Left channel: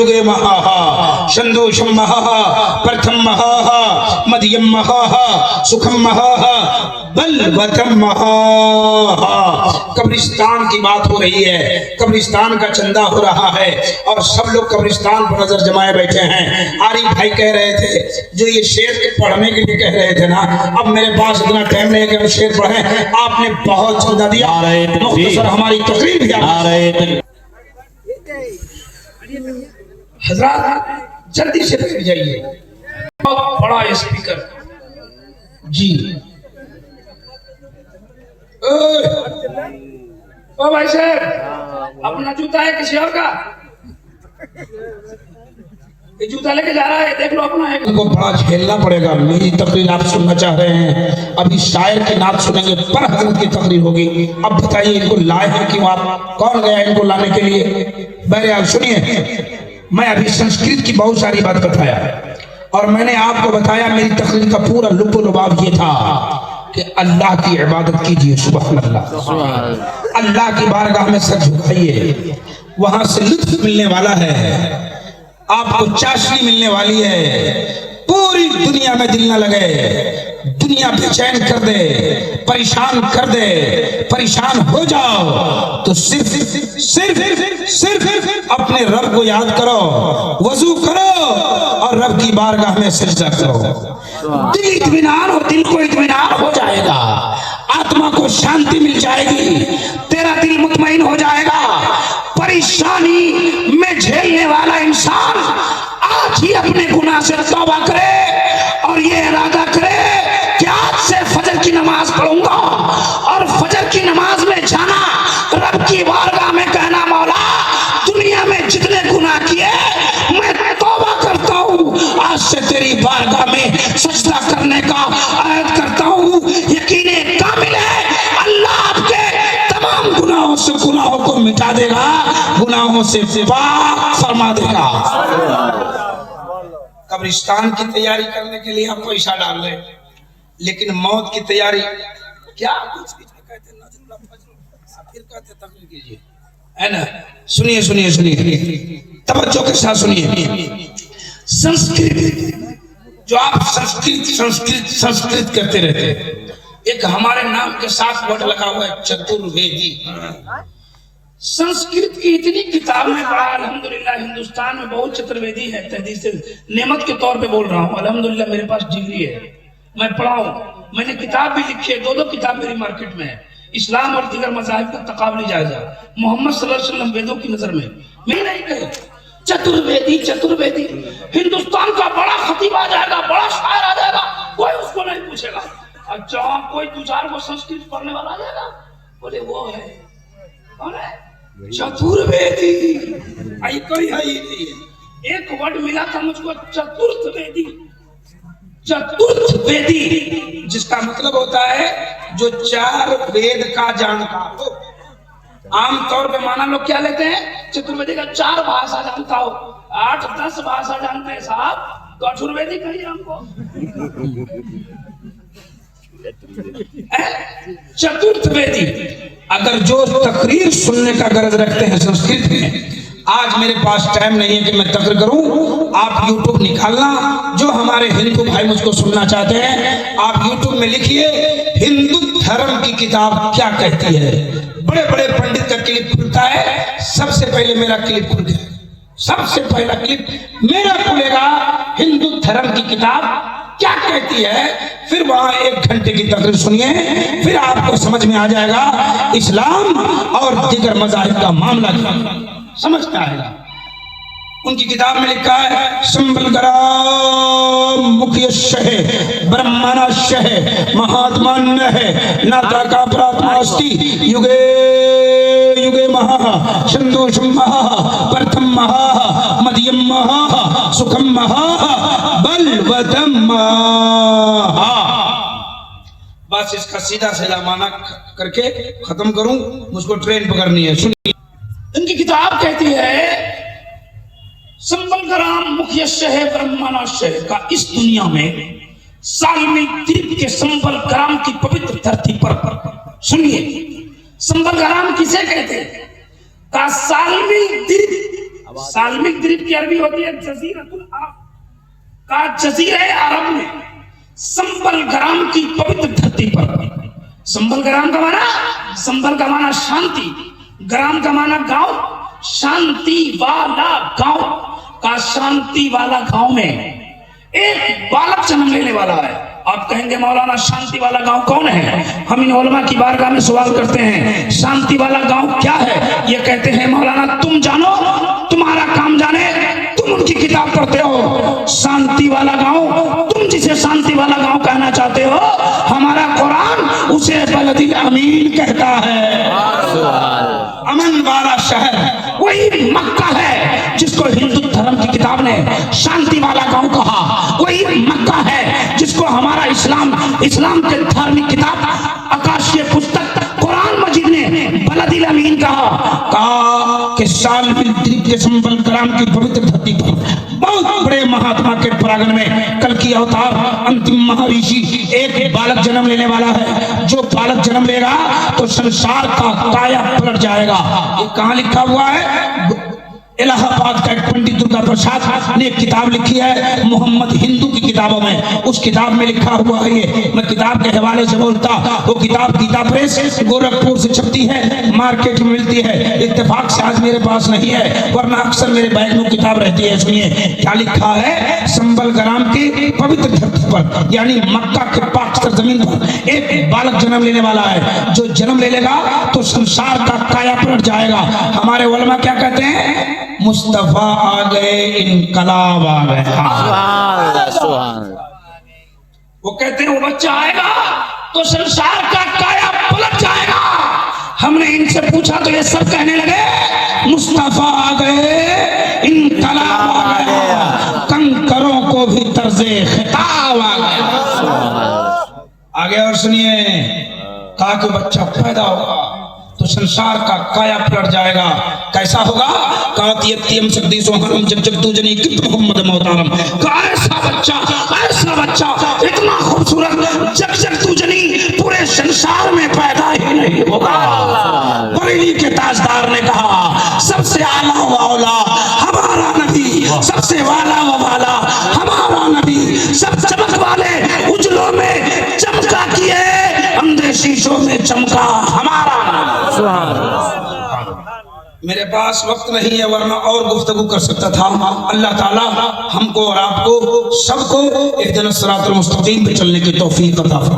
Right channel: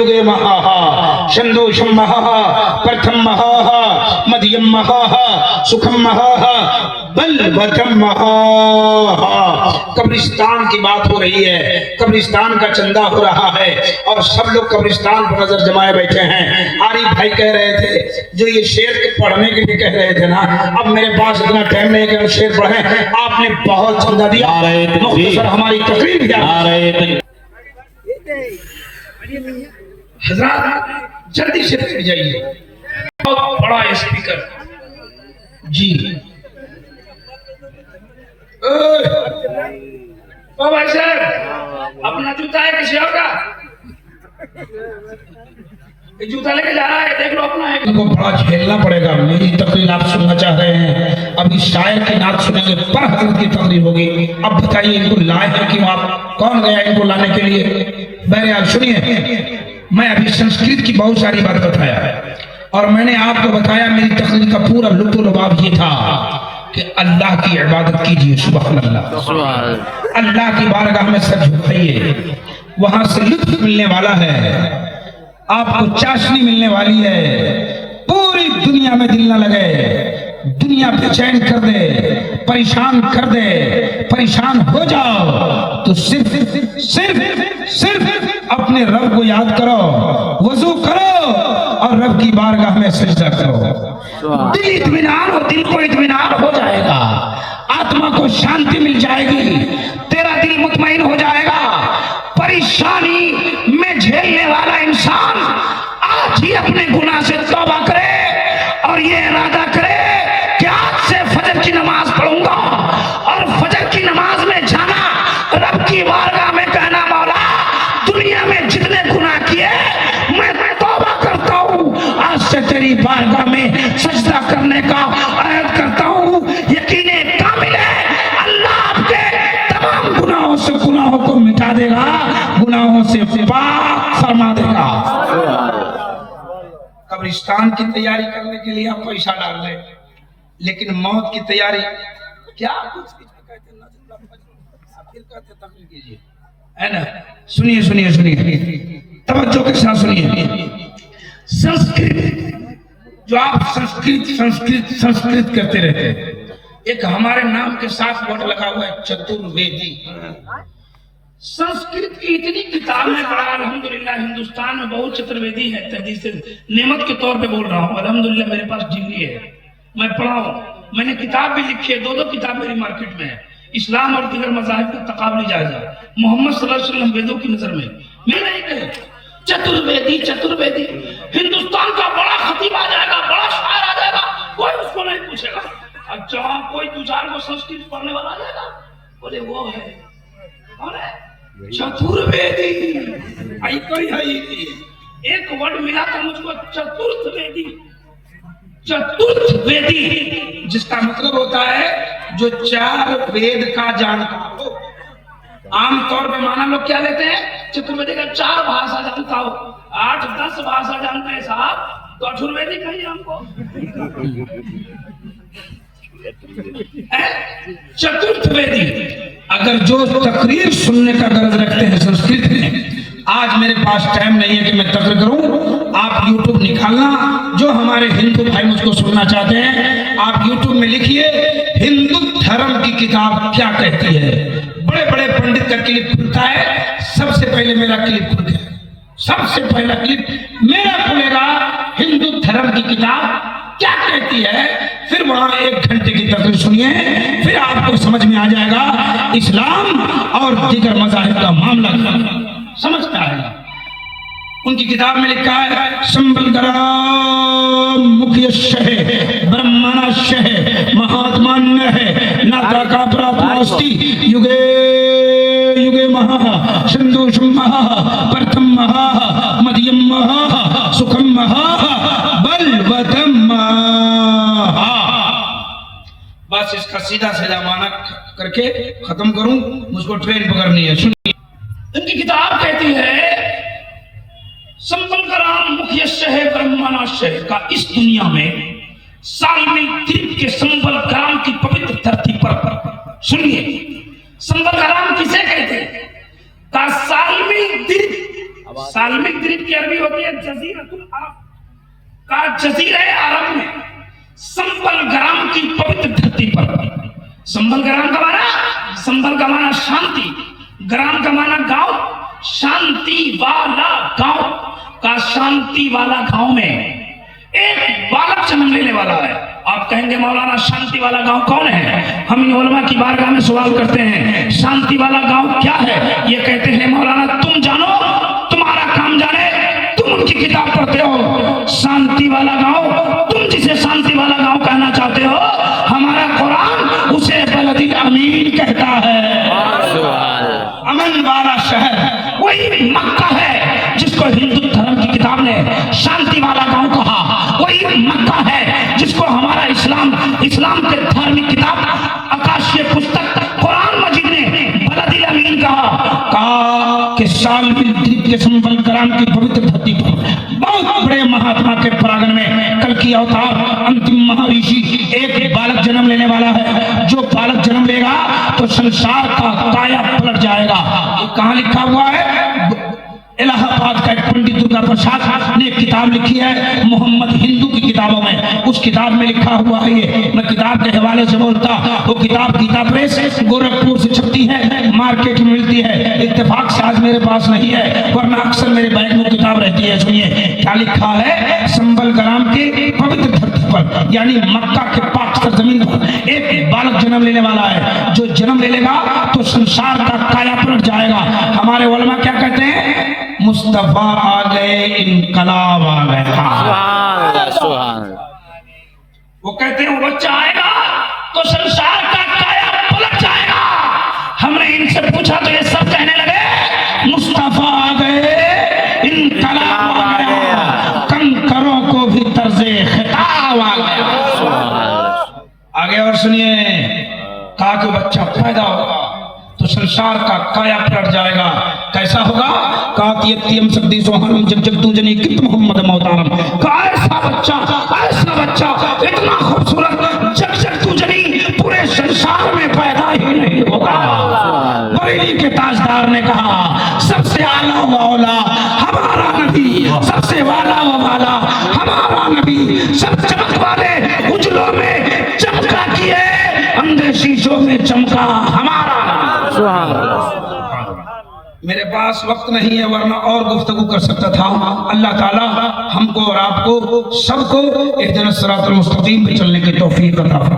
युगे महाहा संदोषम महाहा प्रथम महाहा मध्यम महाहा सुखम महाहा बलवतम महाहा। कब्रिस्तान की बात हो रही है, कब्रिस्तान का चंदा हो रहा है और सब लोग कब्रिस्तान पर नजर जमाए बैठे हैं। आरिफ भाई कह रहे थे जो ये शेर पढ़ने के लिए कह रहे थे ना, अब मेरे पास इतना टाइम नहीं कि हम शेर पढ़े, आपने बहुत चंदा दिया, मुख्तसर हमारी तकरीर भी आ रही। हजरात जल्दी से बैठ जाइए, बहुत बड़ा स्पीकर जी। ओ भाई साहब, अपना जूता है किसी और का? ये जूता लेके जा रहा है, देख लो अपना है। इनको बड़ा झेलना पड़ेगा। मेरी तकरीर आप सुनना चाह रहे हैं, अभी शायर की नात सुनेंगे, पर हजरत की तकरीर होगी। अब बताइए इनको लाए हैं क्यों आप? कौन गया इनको लाने के लिए? बहरहाल सुनिए, मैं अभी संस्कृत की बहुत सारी बात बताया और मैंने आपको बताया मेरी तकरीर का पूरा लुत्फ लुभाव ये था कि अल्लाह की इबादत कीजिए, सुभान अल्लाह। अल्लाह की बारगाह में सर झुकाइए, वहां से लुत्फ मिलने वाला है, आपको चाशनी मिलने वाली है। पूरी दुनिया में दिल न लगे, दुनिया बेचैन कर दे, परेशान कर दे, परेशान हो जाओ तो सिर्फ सिर्फ सिर्फ अपने रब को याद करो, वजू करो और रब की बारगाह में सजदा करो। दिल इत्मीनान हो, दिल को इत्मीनान हो जाएगा, आत्मा को शांति मिल जाएगी, तेरा दिल मुतमईन हो जाएगा। परेशानी में झेलने वाला इंसान आज ही अपने गुनाह से तौबा करे और ये इरादा करे कि आज से फजर की नमाज पढ़ूंगा और फजर की नमाज में जाना, रब की बारगाह में कहना, मौला दुनिया में जितने गुनाह किए मैं तौबा करता हूँ, आज से तेरी बारगाह में सजदा करने का अहद करता हूँ। यकीन कामिल है अल्लाह आपके तमाम गुनाहों से गुनाहों को मिटा देगा, गुनाहों से पाक फरमा देगा। कब्रिस्तान की तैयारी करने के लिए आप पैसा डाल रहे, लेकिन मौत की तैयारी क्या? फिर कहते तकरीर कीजिए, है ना? सुनिए सुनिए सुनिए, तवज्जो के साथ सुनिए। संस्कृत, जो आप संस्कृत संस्कृत संस्कृत करते रहते, एक हमारे नाम के साथ वर्ड लगा हुआ है चतुर्वेदी। संस्कृत की इतनी किताब में पढ़ा, अल्हम्दुलिल्लाह हिंदुस्तान में बहुत चतुर्वेदी है। तहदीस नेमत के तौर पे बोल रहा हूँ, अल्हम्दुलिल्लाह मेरे पास डिग्री है, मैं पढ़ा हूँ, मैंने किताब भी लिखी है, दो किताब मेरी मार्केट में है, इस्लाम और दीगर मज़ाहिब का तकाबुली जायजा, मोहम्मद सल्लल्लाहु अलैहि वसल्लम वेदों की नजर में। मैं नहीं कहे चतुर्वेदी चतुर्वेदी, हिंदुस्तान का बड़ा खतीब आ जाएगा, बड़ा शायर आ जाएगा, कोई उसको नहीं पूछेगा। अच्छा कोई दो चार को संस्कृत पढ़ने वाला आ जाएगा, बोले वो है कौन है? चतुर्वेदी। आई कोई है ही नहीं, एक वर्ड मिला था मुझको, चतुर्थवेदी। चतुर्थवेदी जिसका मतलब होता है जो चार वेद का जानता हो। आमतौर पे माना लोग क्या लेते हैं, चतुर्वेदी का 4 भाषा जानता हो, 8-10 भाषा जानते हैं साहब, तो चतुर्वेदी कहिए हमको। चतुर्थवेदी। अगर जो तकरीर सुनने का गरज रखते हैं संस्कृत में, आज मेरे पास टाइम नहीं है कि मैं तकरीर करूं, आप YouTube निकालना, जो हमारे हिंदू भाई मुझको सुनना चाहते हैं आप YouTube में लिखिए हिंदू धर्म की किताब क्या कहती है। बड़े बड़े पंडित का क्लिप खुलता है, सबसे पहले मेरा क्लिप खुल गया, सबसे पहला क्लिप मेरा खुलेगा, हिंदू धर्म की किताब क्या कहती है। फिर वहां 1 घंटे की तकरीर सुनिए, फिर आपको समझ में आ जाएगा इस्लाम और दीगर मज़ाहिब का मामला समझ में आएगा। उनकी किताब में लिखा है संबलगरा मुख्य शहे ब्रह्मण शहे महात्मा है नाता का प्राप्ति युगे युगे महा संदोषम महा प्रथम महा मध्यम महा सुखम महा बलवतम महा। बस इसका सीधा सीधा माना करके खत्म करूं, मुझको ट्रेन पकड़नी है। सुनिए, इनकी किताब कहती है संबलग्राम मुख्य शहर ब्रह्मणाशय का इस दुनिया में सालमी द्वीप के संबलग्राम की पवित्र धरती पर, सुनिए संबलग्राम किसे कहते हैं, का सालमी द्वीप साल्मिक द्वीप की अरबी होती है जजीरतुल अरब का जजीरे अरब में संबल ग्राम की पवित्र धरती पर। संबल ग्राम का माना, संबल का माना शांति, ग्राम का माना गांव, शांति वाला गांव का शांति वाला गांव में एक बालक जन्म लेने वाला है। आप कहेंगे मौलाना शांति वाला गांव कौन है? हम इन उलमा की बारगाह में सवाल करते हैं, शांति वाला गांव क्या है? ये कहते हैं मौलाना तुम जानो, तुम्हारा काम जाने, तुम उनकी किताब पढ़ते हो। शांति वाला गांव, तुम जिसे शांति वाला गांव कहना चाहते हो, हमारा कुरान उसे बलदिल अमीन कहता है। अमन वाला शहर वही मक्का है जिसको हिंदू धर्म की किताब ने शांति वाला गांव कहा। वही मक्का है जिसको हमारा इस्लाम के धार्मिक किताब आकाशीय पुस्तक कुरान मजीद ने बलदिल अमीन कहा कि साल्मिक द्वीप के संबल ग्राम की पवित्र धरती पर बहुत बड़े महात्मा के परागण में कल की अवतार अंतिम महाऋषि एक बालक जन्म लेने वाला है। जो बालक जन्म लेगा तो संसार का काया पलट जाएगा। ये कहाँ लिखा हुआ है? इलाहाबाद का एक पंडित दुर्गा प्रसाद ने एक किताब लिखी है मोहम्मद हिंदू की किताबों में। उस किताब में लिखा हुआ है, ये मैं किताब के हवाले से बोलता, वो किताब गीता प्रेस गोरखपुर से छपती है, मार्केट में मिलती है। इत्तेफाक से आज मेरे पास नहीं है, वरना अक्सर मेरे बैग में किताब रहती है। सुनिए क्या लिखा है। संबल ग्राम के पवित्र धरती पर यानी मक्का के पाक जमीन पर एक बालक जन्म लेने वाला है। जो जन्म ले लेगा तो संसार का काया पलट जाएगा। हमारे उलमा क्या कहते हैं? मुस्तफा आ गए, इनकलाब आ गया। वो कहते हैं वो बच्चा आएगा तो संसार का काया पलट जाएगा। हमने इनसे पूछा तो ये सब कहने लगे मुस्तफा आ गए, इनकलाब आ गया, कंकरों को भी तर्जे खिताब आ गया। आगे और सुनिए, कहा कि बच्चा पैदा होगा तो संसार का काया पलट जाएगा। कैसा होगा? मोहम्मद मोहतारम का ऐसा बच्चा इतना खूबसूरत जब जब तू जनी पूरे संसार में पैदा ही नहीं होगा। बरेली के ताजदार ने कहा सबसे आला व औला हमारा नबी, सबसे वाला व वाला हमारा नबी, सब चमक वाले उजलों में चमका किए, अंधे शीशों में चमका हमारा। मेरे पास वक्त नहीं है, वरना और गुफ्तगू कर सकता था। अल्लाह ताला हमको और आपको सबको इहदिनस सिरातल मुस्तकीम पे चलने की तौफीक अता फरमाए।